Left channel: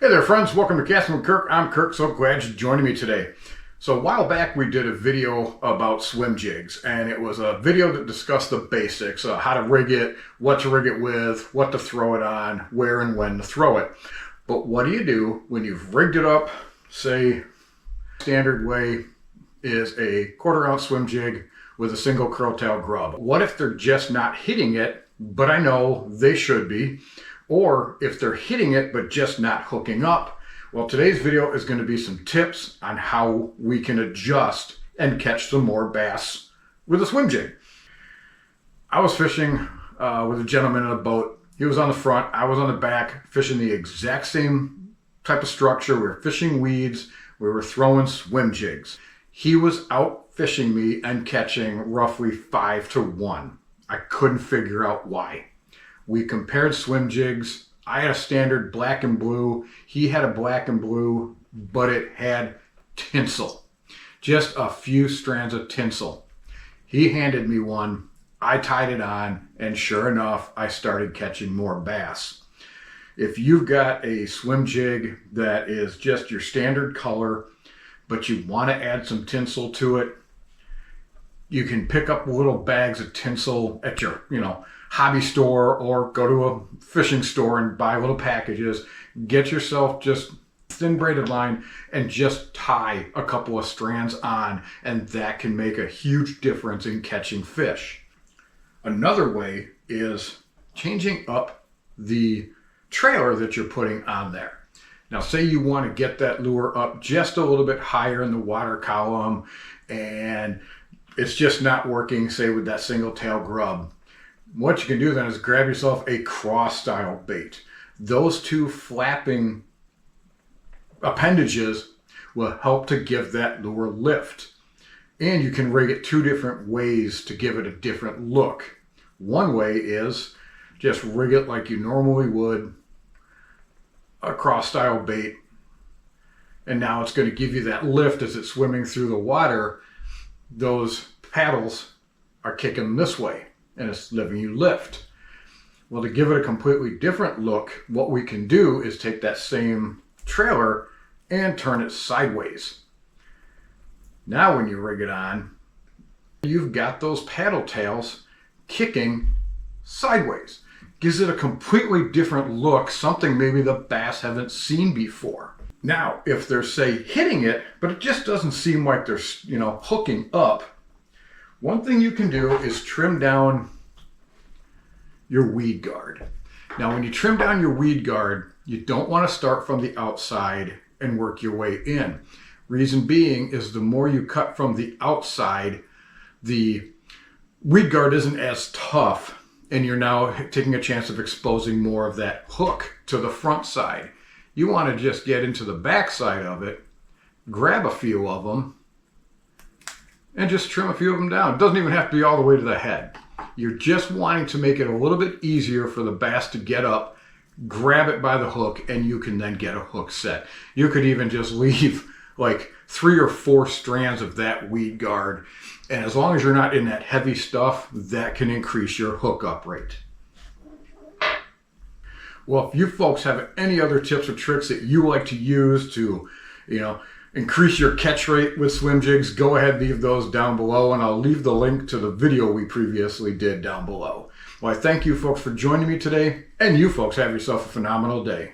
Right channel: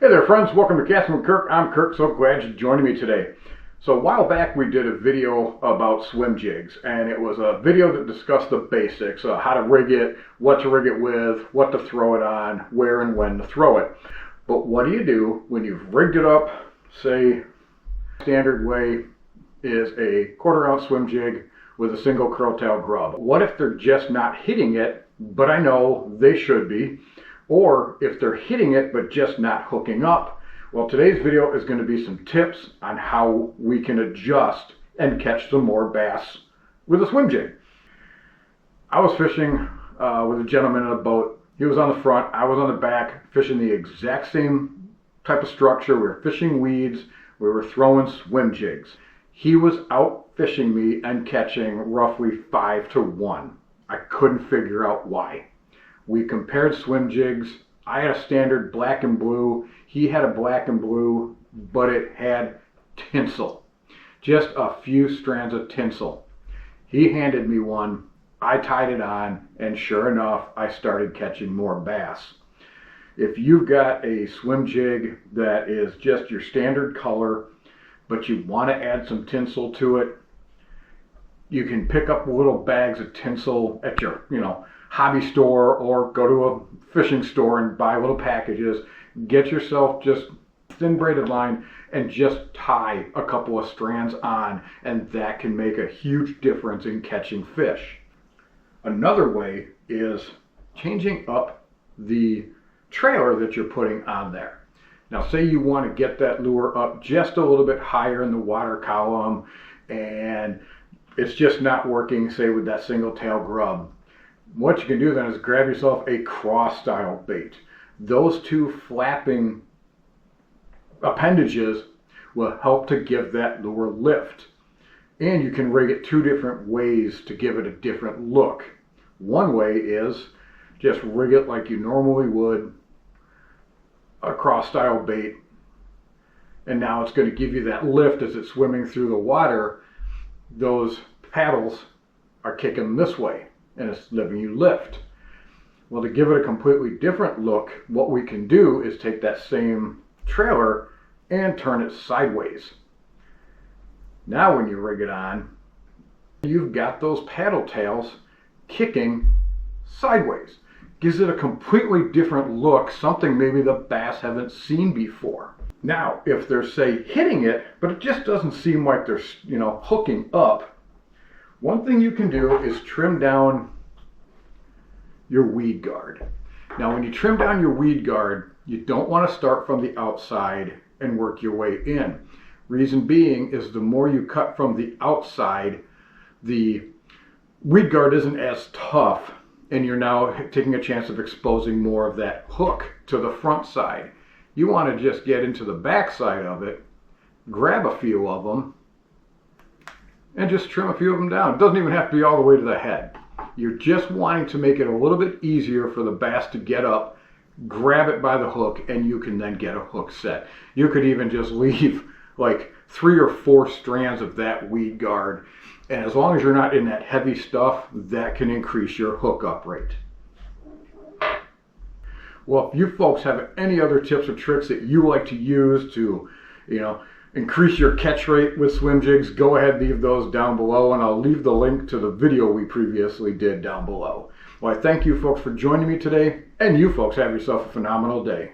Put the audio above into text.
Hey there friends, welcome to Casting with Kirk. I'm Kirk, so glad you're joining me today. So a while back we did a video about swim jigs, and it was a video that discussed the basics, how to rig it, what to rig it with, what to throw it on, where and when to throw it. But what do you do when you've rigged it up? Say, standard way is a 1/4 ounce swim jig with a single curl-tail grub. What if they're just not hitting it, but I know they should be? Or if they're hitting it but just not hooking up? Well, today's video is going to be some tips on how we can adjust and catch some more bass with a swim jig. I was fishing with a gentleman in a boat. He was on the front, I was on the back, fishing the exact same type of structure. We were fishing weeds, we were throwing swim jigs. He was out fishing me and catching roughly 5 to 1. I couldn't figure out why. We compared swim jigs. I had a standard black and blue. He had a black and blue, but it had tinsel. Just a few strands of tinsel. He handed me one. I tied it on, and sure enough, I started catching more bass. If you've got a swim jig that is just your standard color, but you want to add some tinsel to it, you can pick up little bags of tinsel at your, hobby store, or go to a fishing store and buy little packages. Get yourself just thin braided line and just tie a couple of strands on, and that can make a huge difference in catching fish. Another way is changing up the trailer that you're putting on there. Now, say you want to get that lure up just a little bit higher in the water column and it's just not working, say with that single tail grub. What you can do then is grab yourself a cross style bait. Those two flapping appendages will help to give that lure lift. And you can rig it 2 different ways to give it a different look. One way is just rig it like you normally would a cross style bait. And now it's going to give you that lift as it's swimming through the water. Those paddles are kicking this way, and it's giving you lift. Well, to give it a completely different look, what we can do is take that same trailer and turn it sideways. Now when you rig it on, you've got those paddle tails kicking sideways. Gives it a completely different look, something maybe the bass haven't seen before. Now, if they're, say, hitting it, but it just doesn't seem like they're, hooking up, one thing you can do is trim down your weed guard. Now, when you trim down your weed guard, you don't want to start from the outside and work your way in. Reason being is the more you cut from the outside, the weed guard isn't as tough, and you're now taking a chance of exposing more of that hook to the front side. You want to just get into the back side of it, grab a few of them, and just trim a few of them down. It doesn't even have to be all the way to the head. You're just wanting to make it a little bit easier for the bass to get up, grab it by the hook, and you can then get a hook set. You could even just leave like 3 or 4 strands of that weed guard, and as long as you're not in that heavy stuff, that can increase your hookup rate. Well, if you folks have any other tips or tricks that you like to use to, increase your catch rate with swim jigs, go ahead and leave those down below, and I'll leave the link to the video we previously did down below. Well, I thank you folks for joining me today, and you folks have yourself a phenomenal day.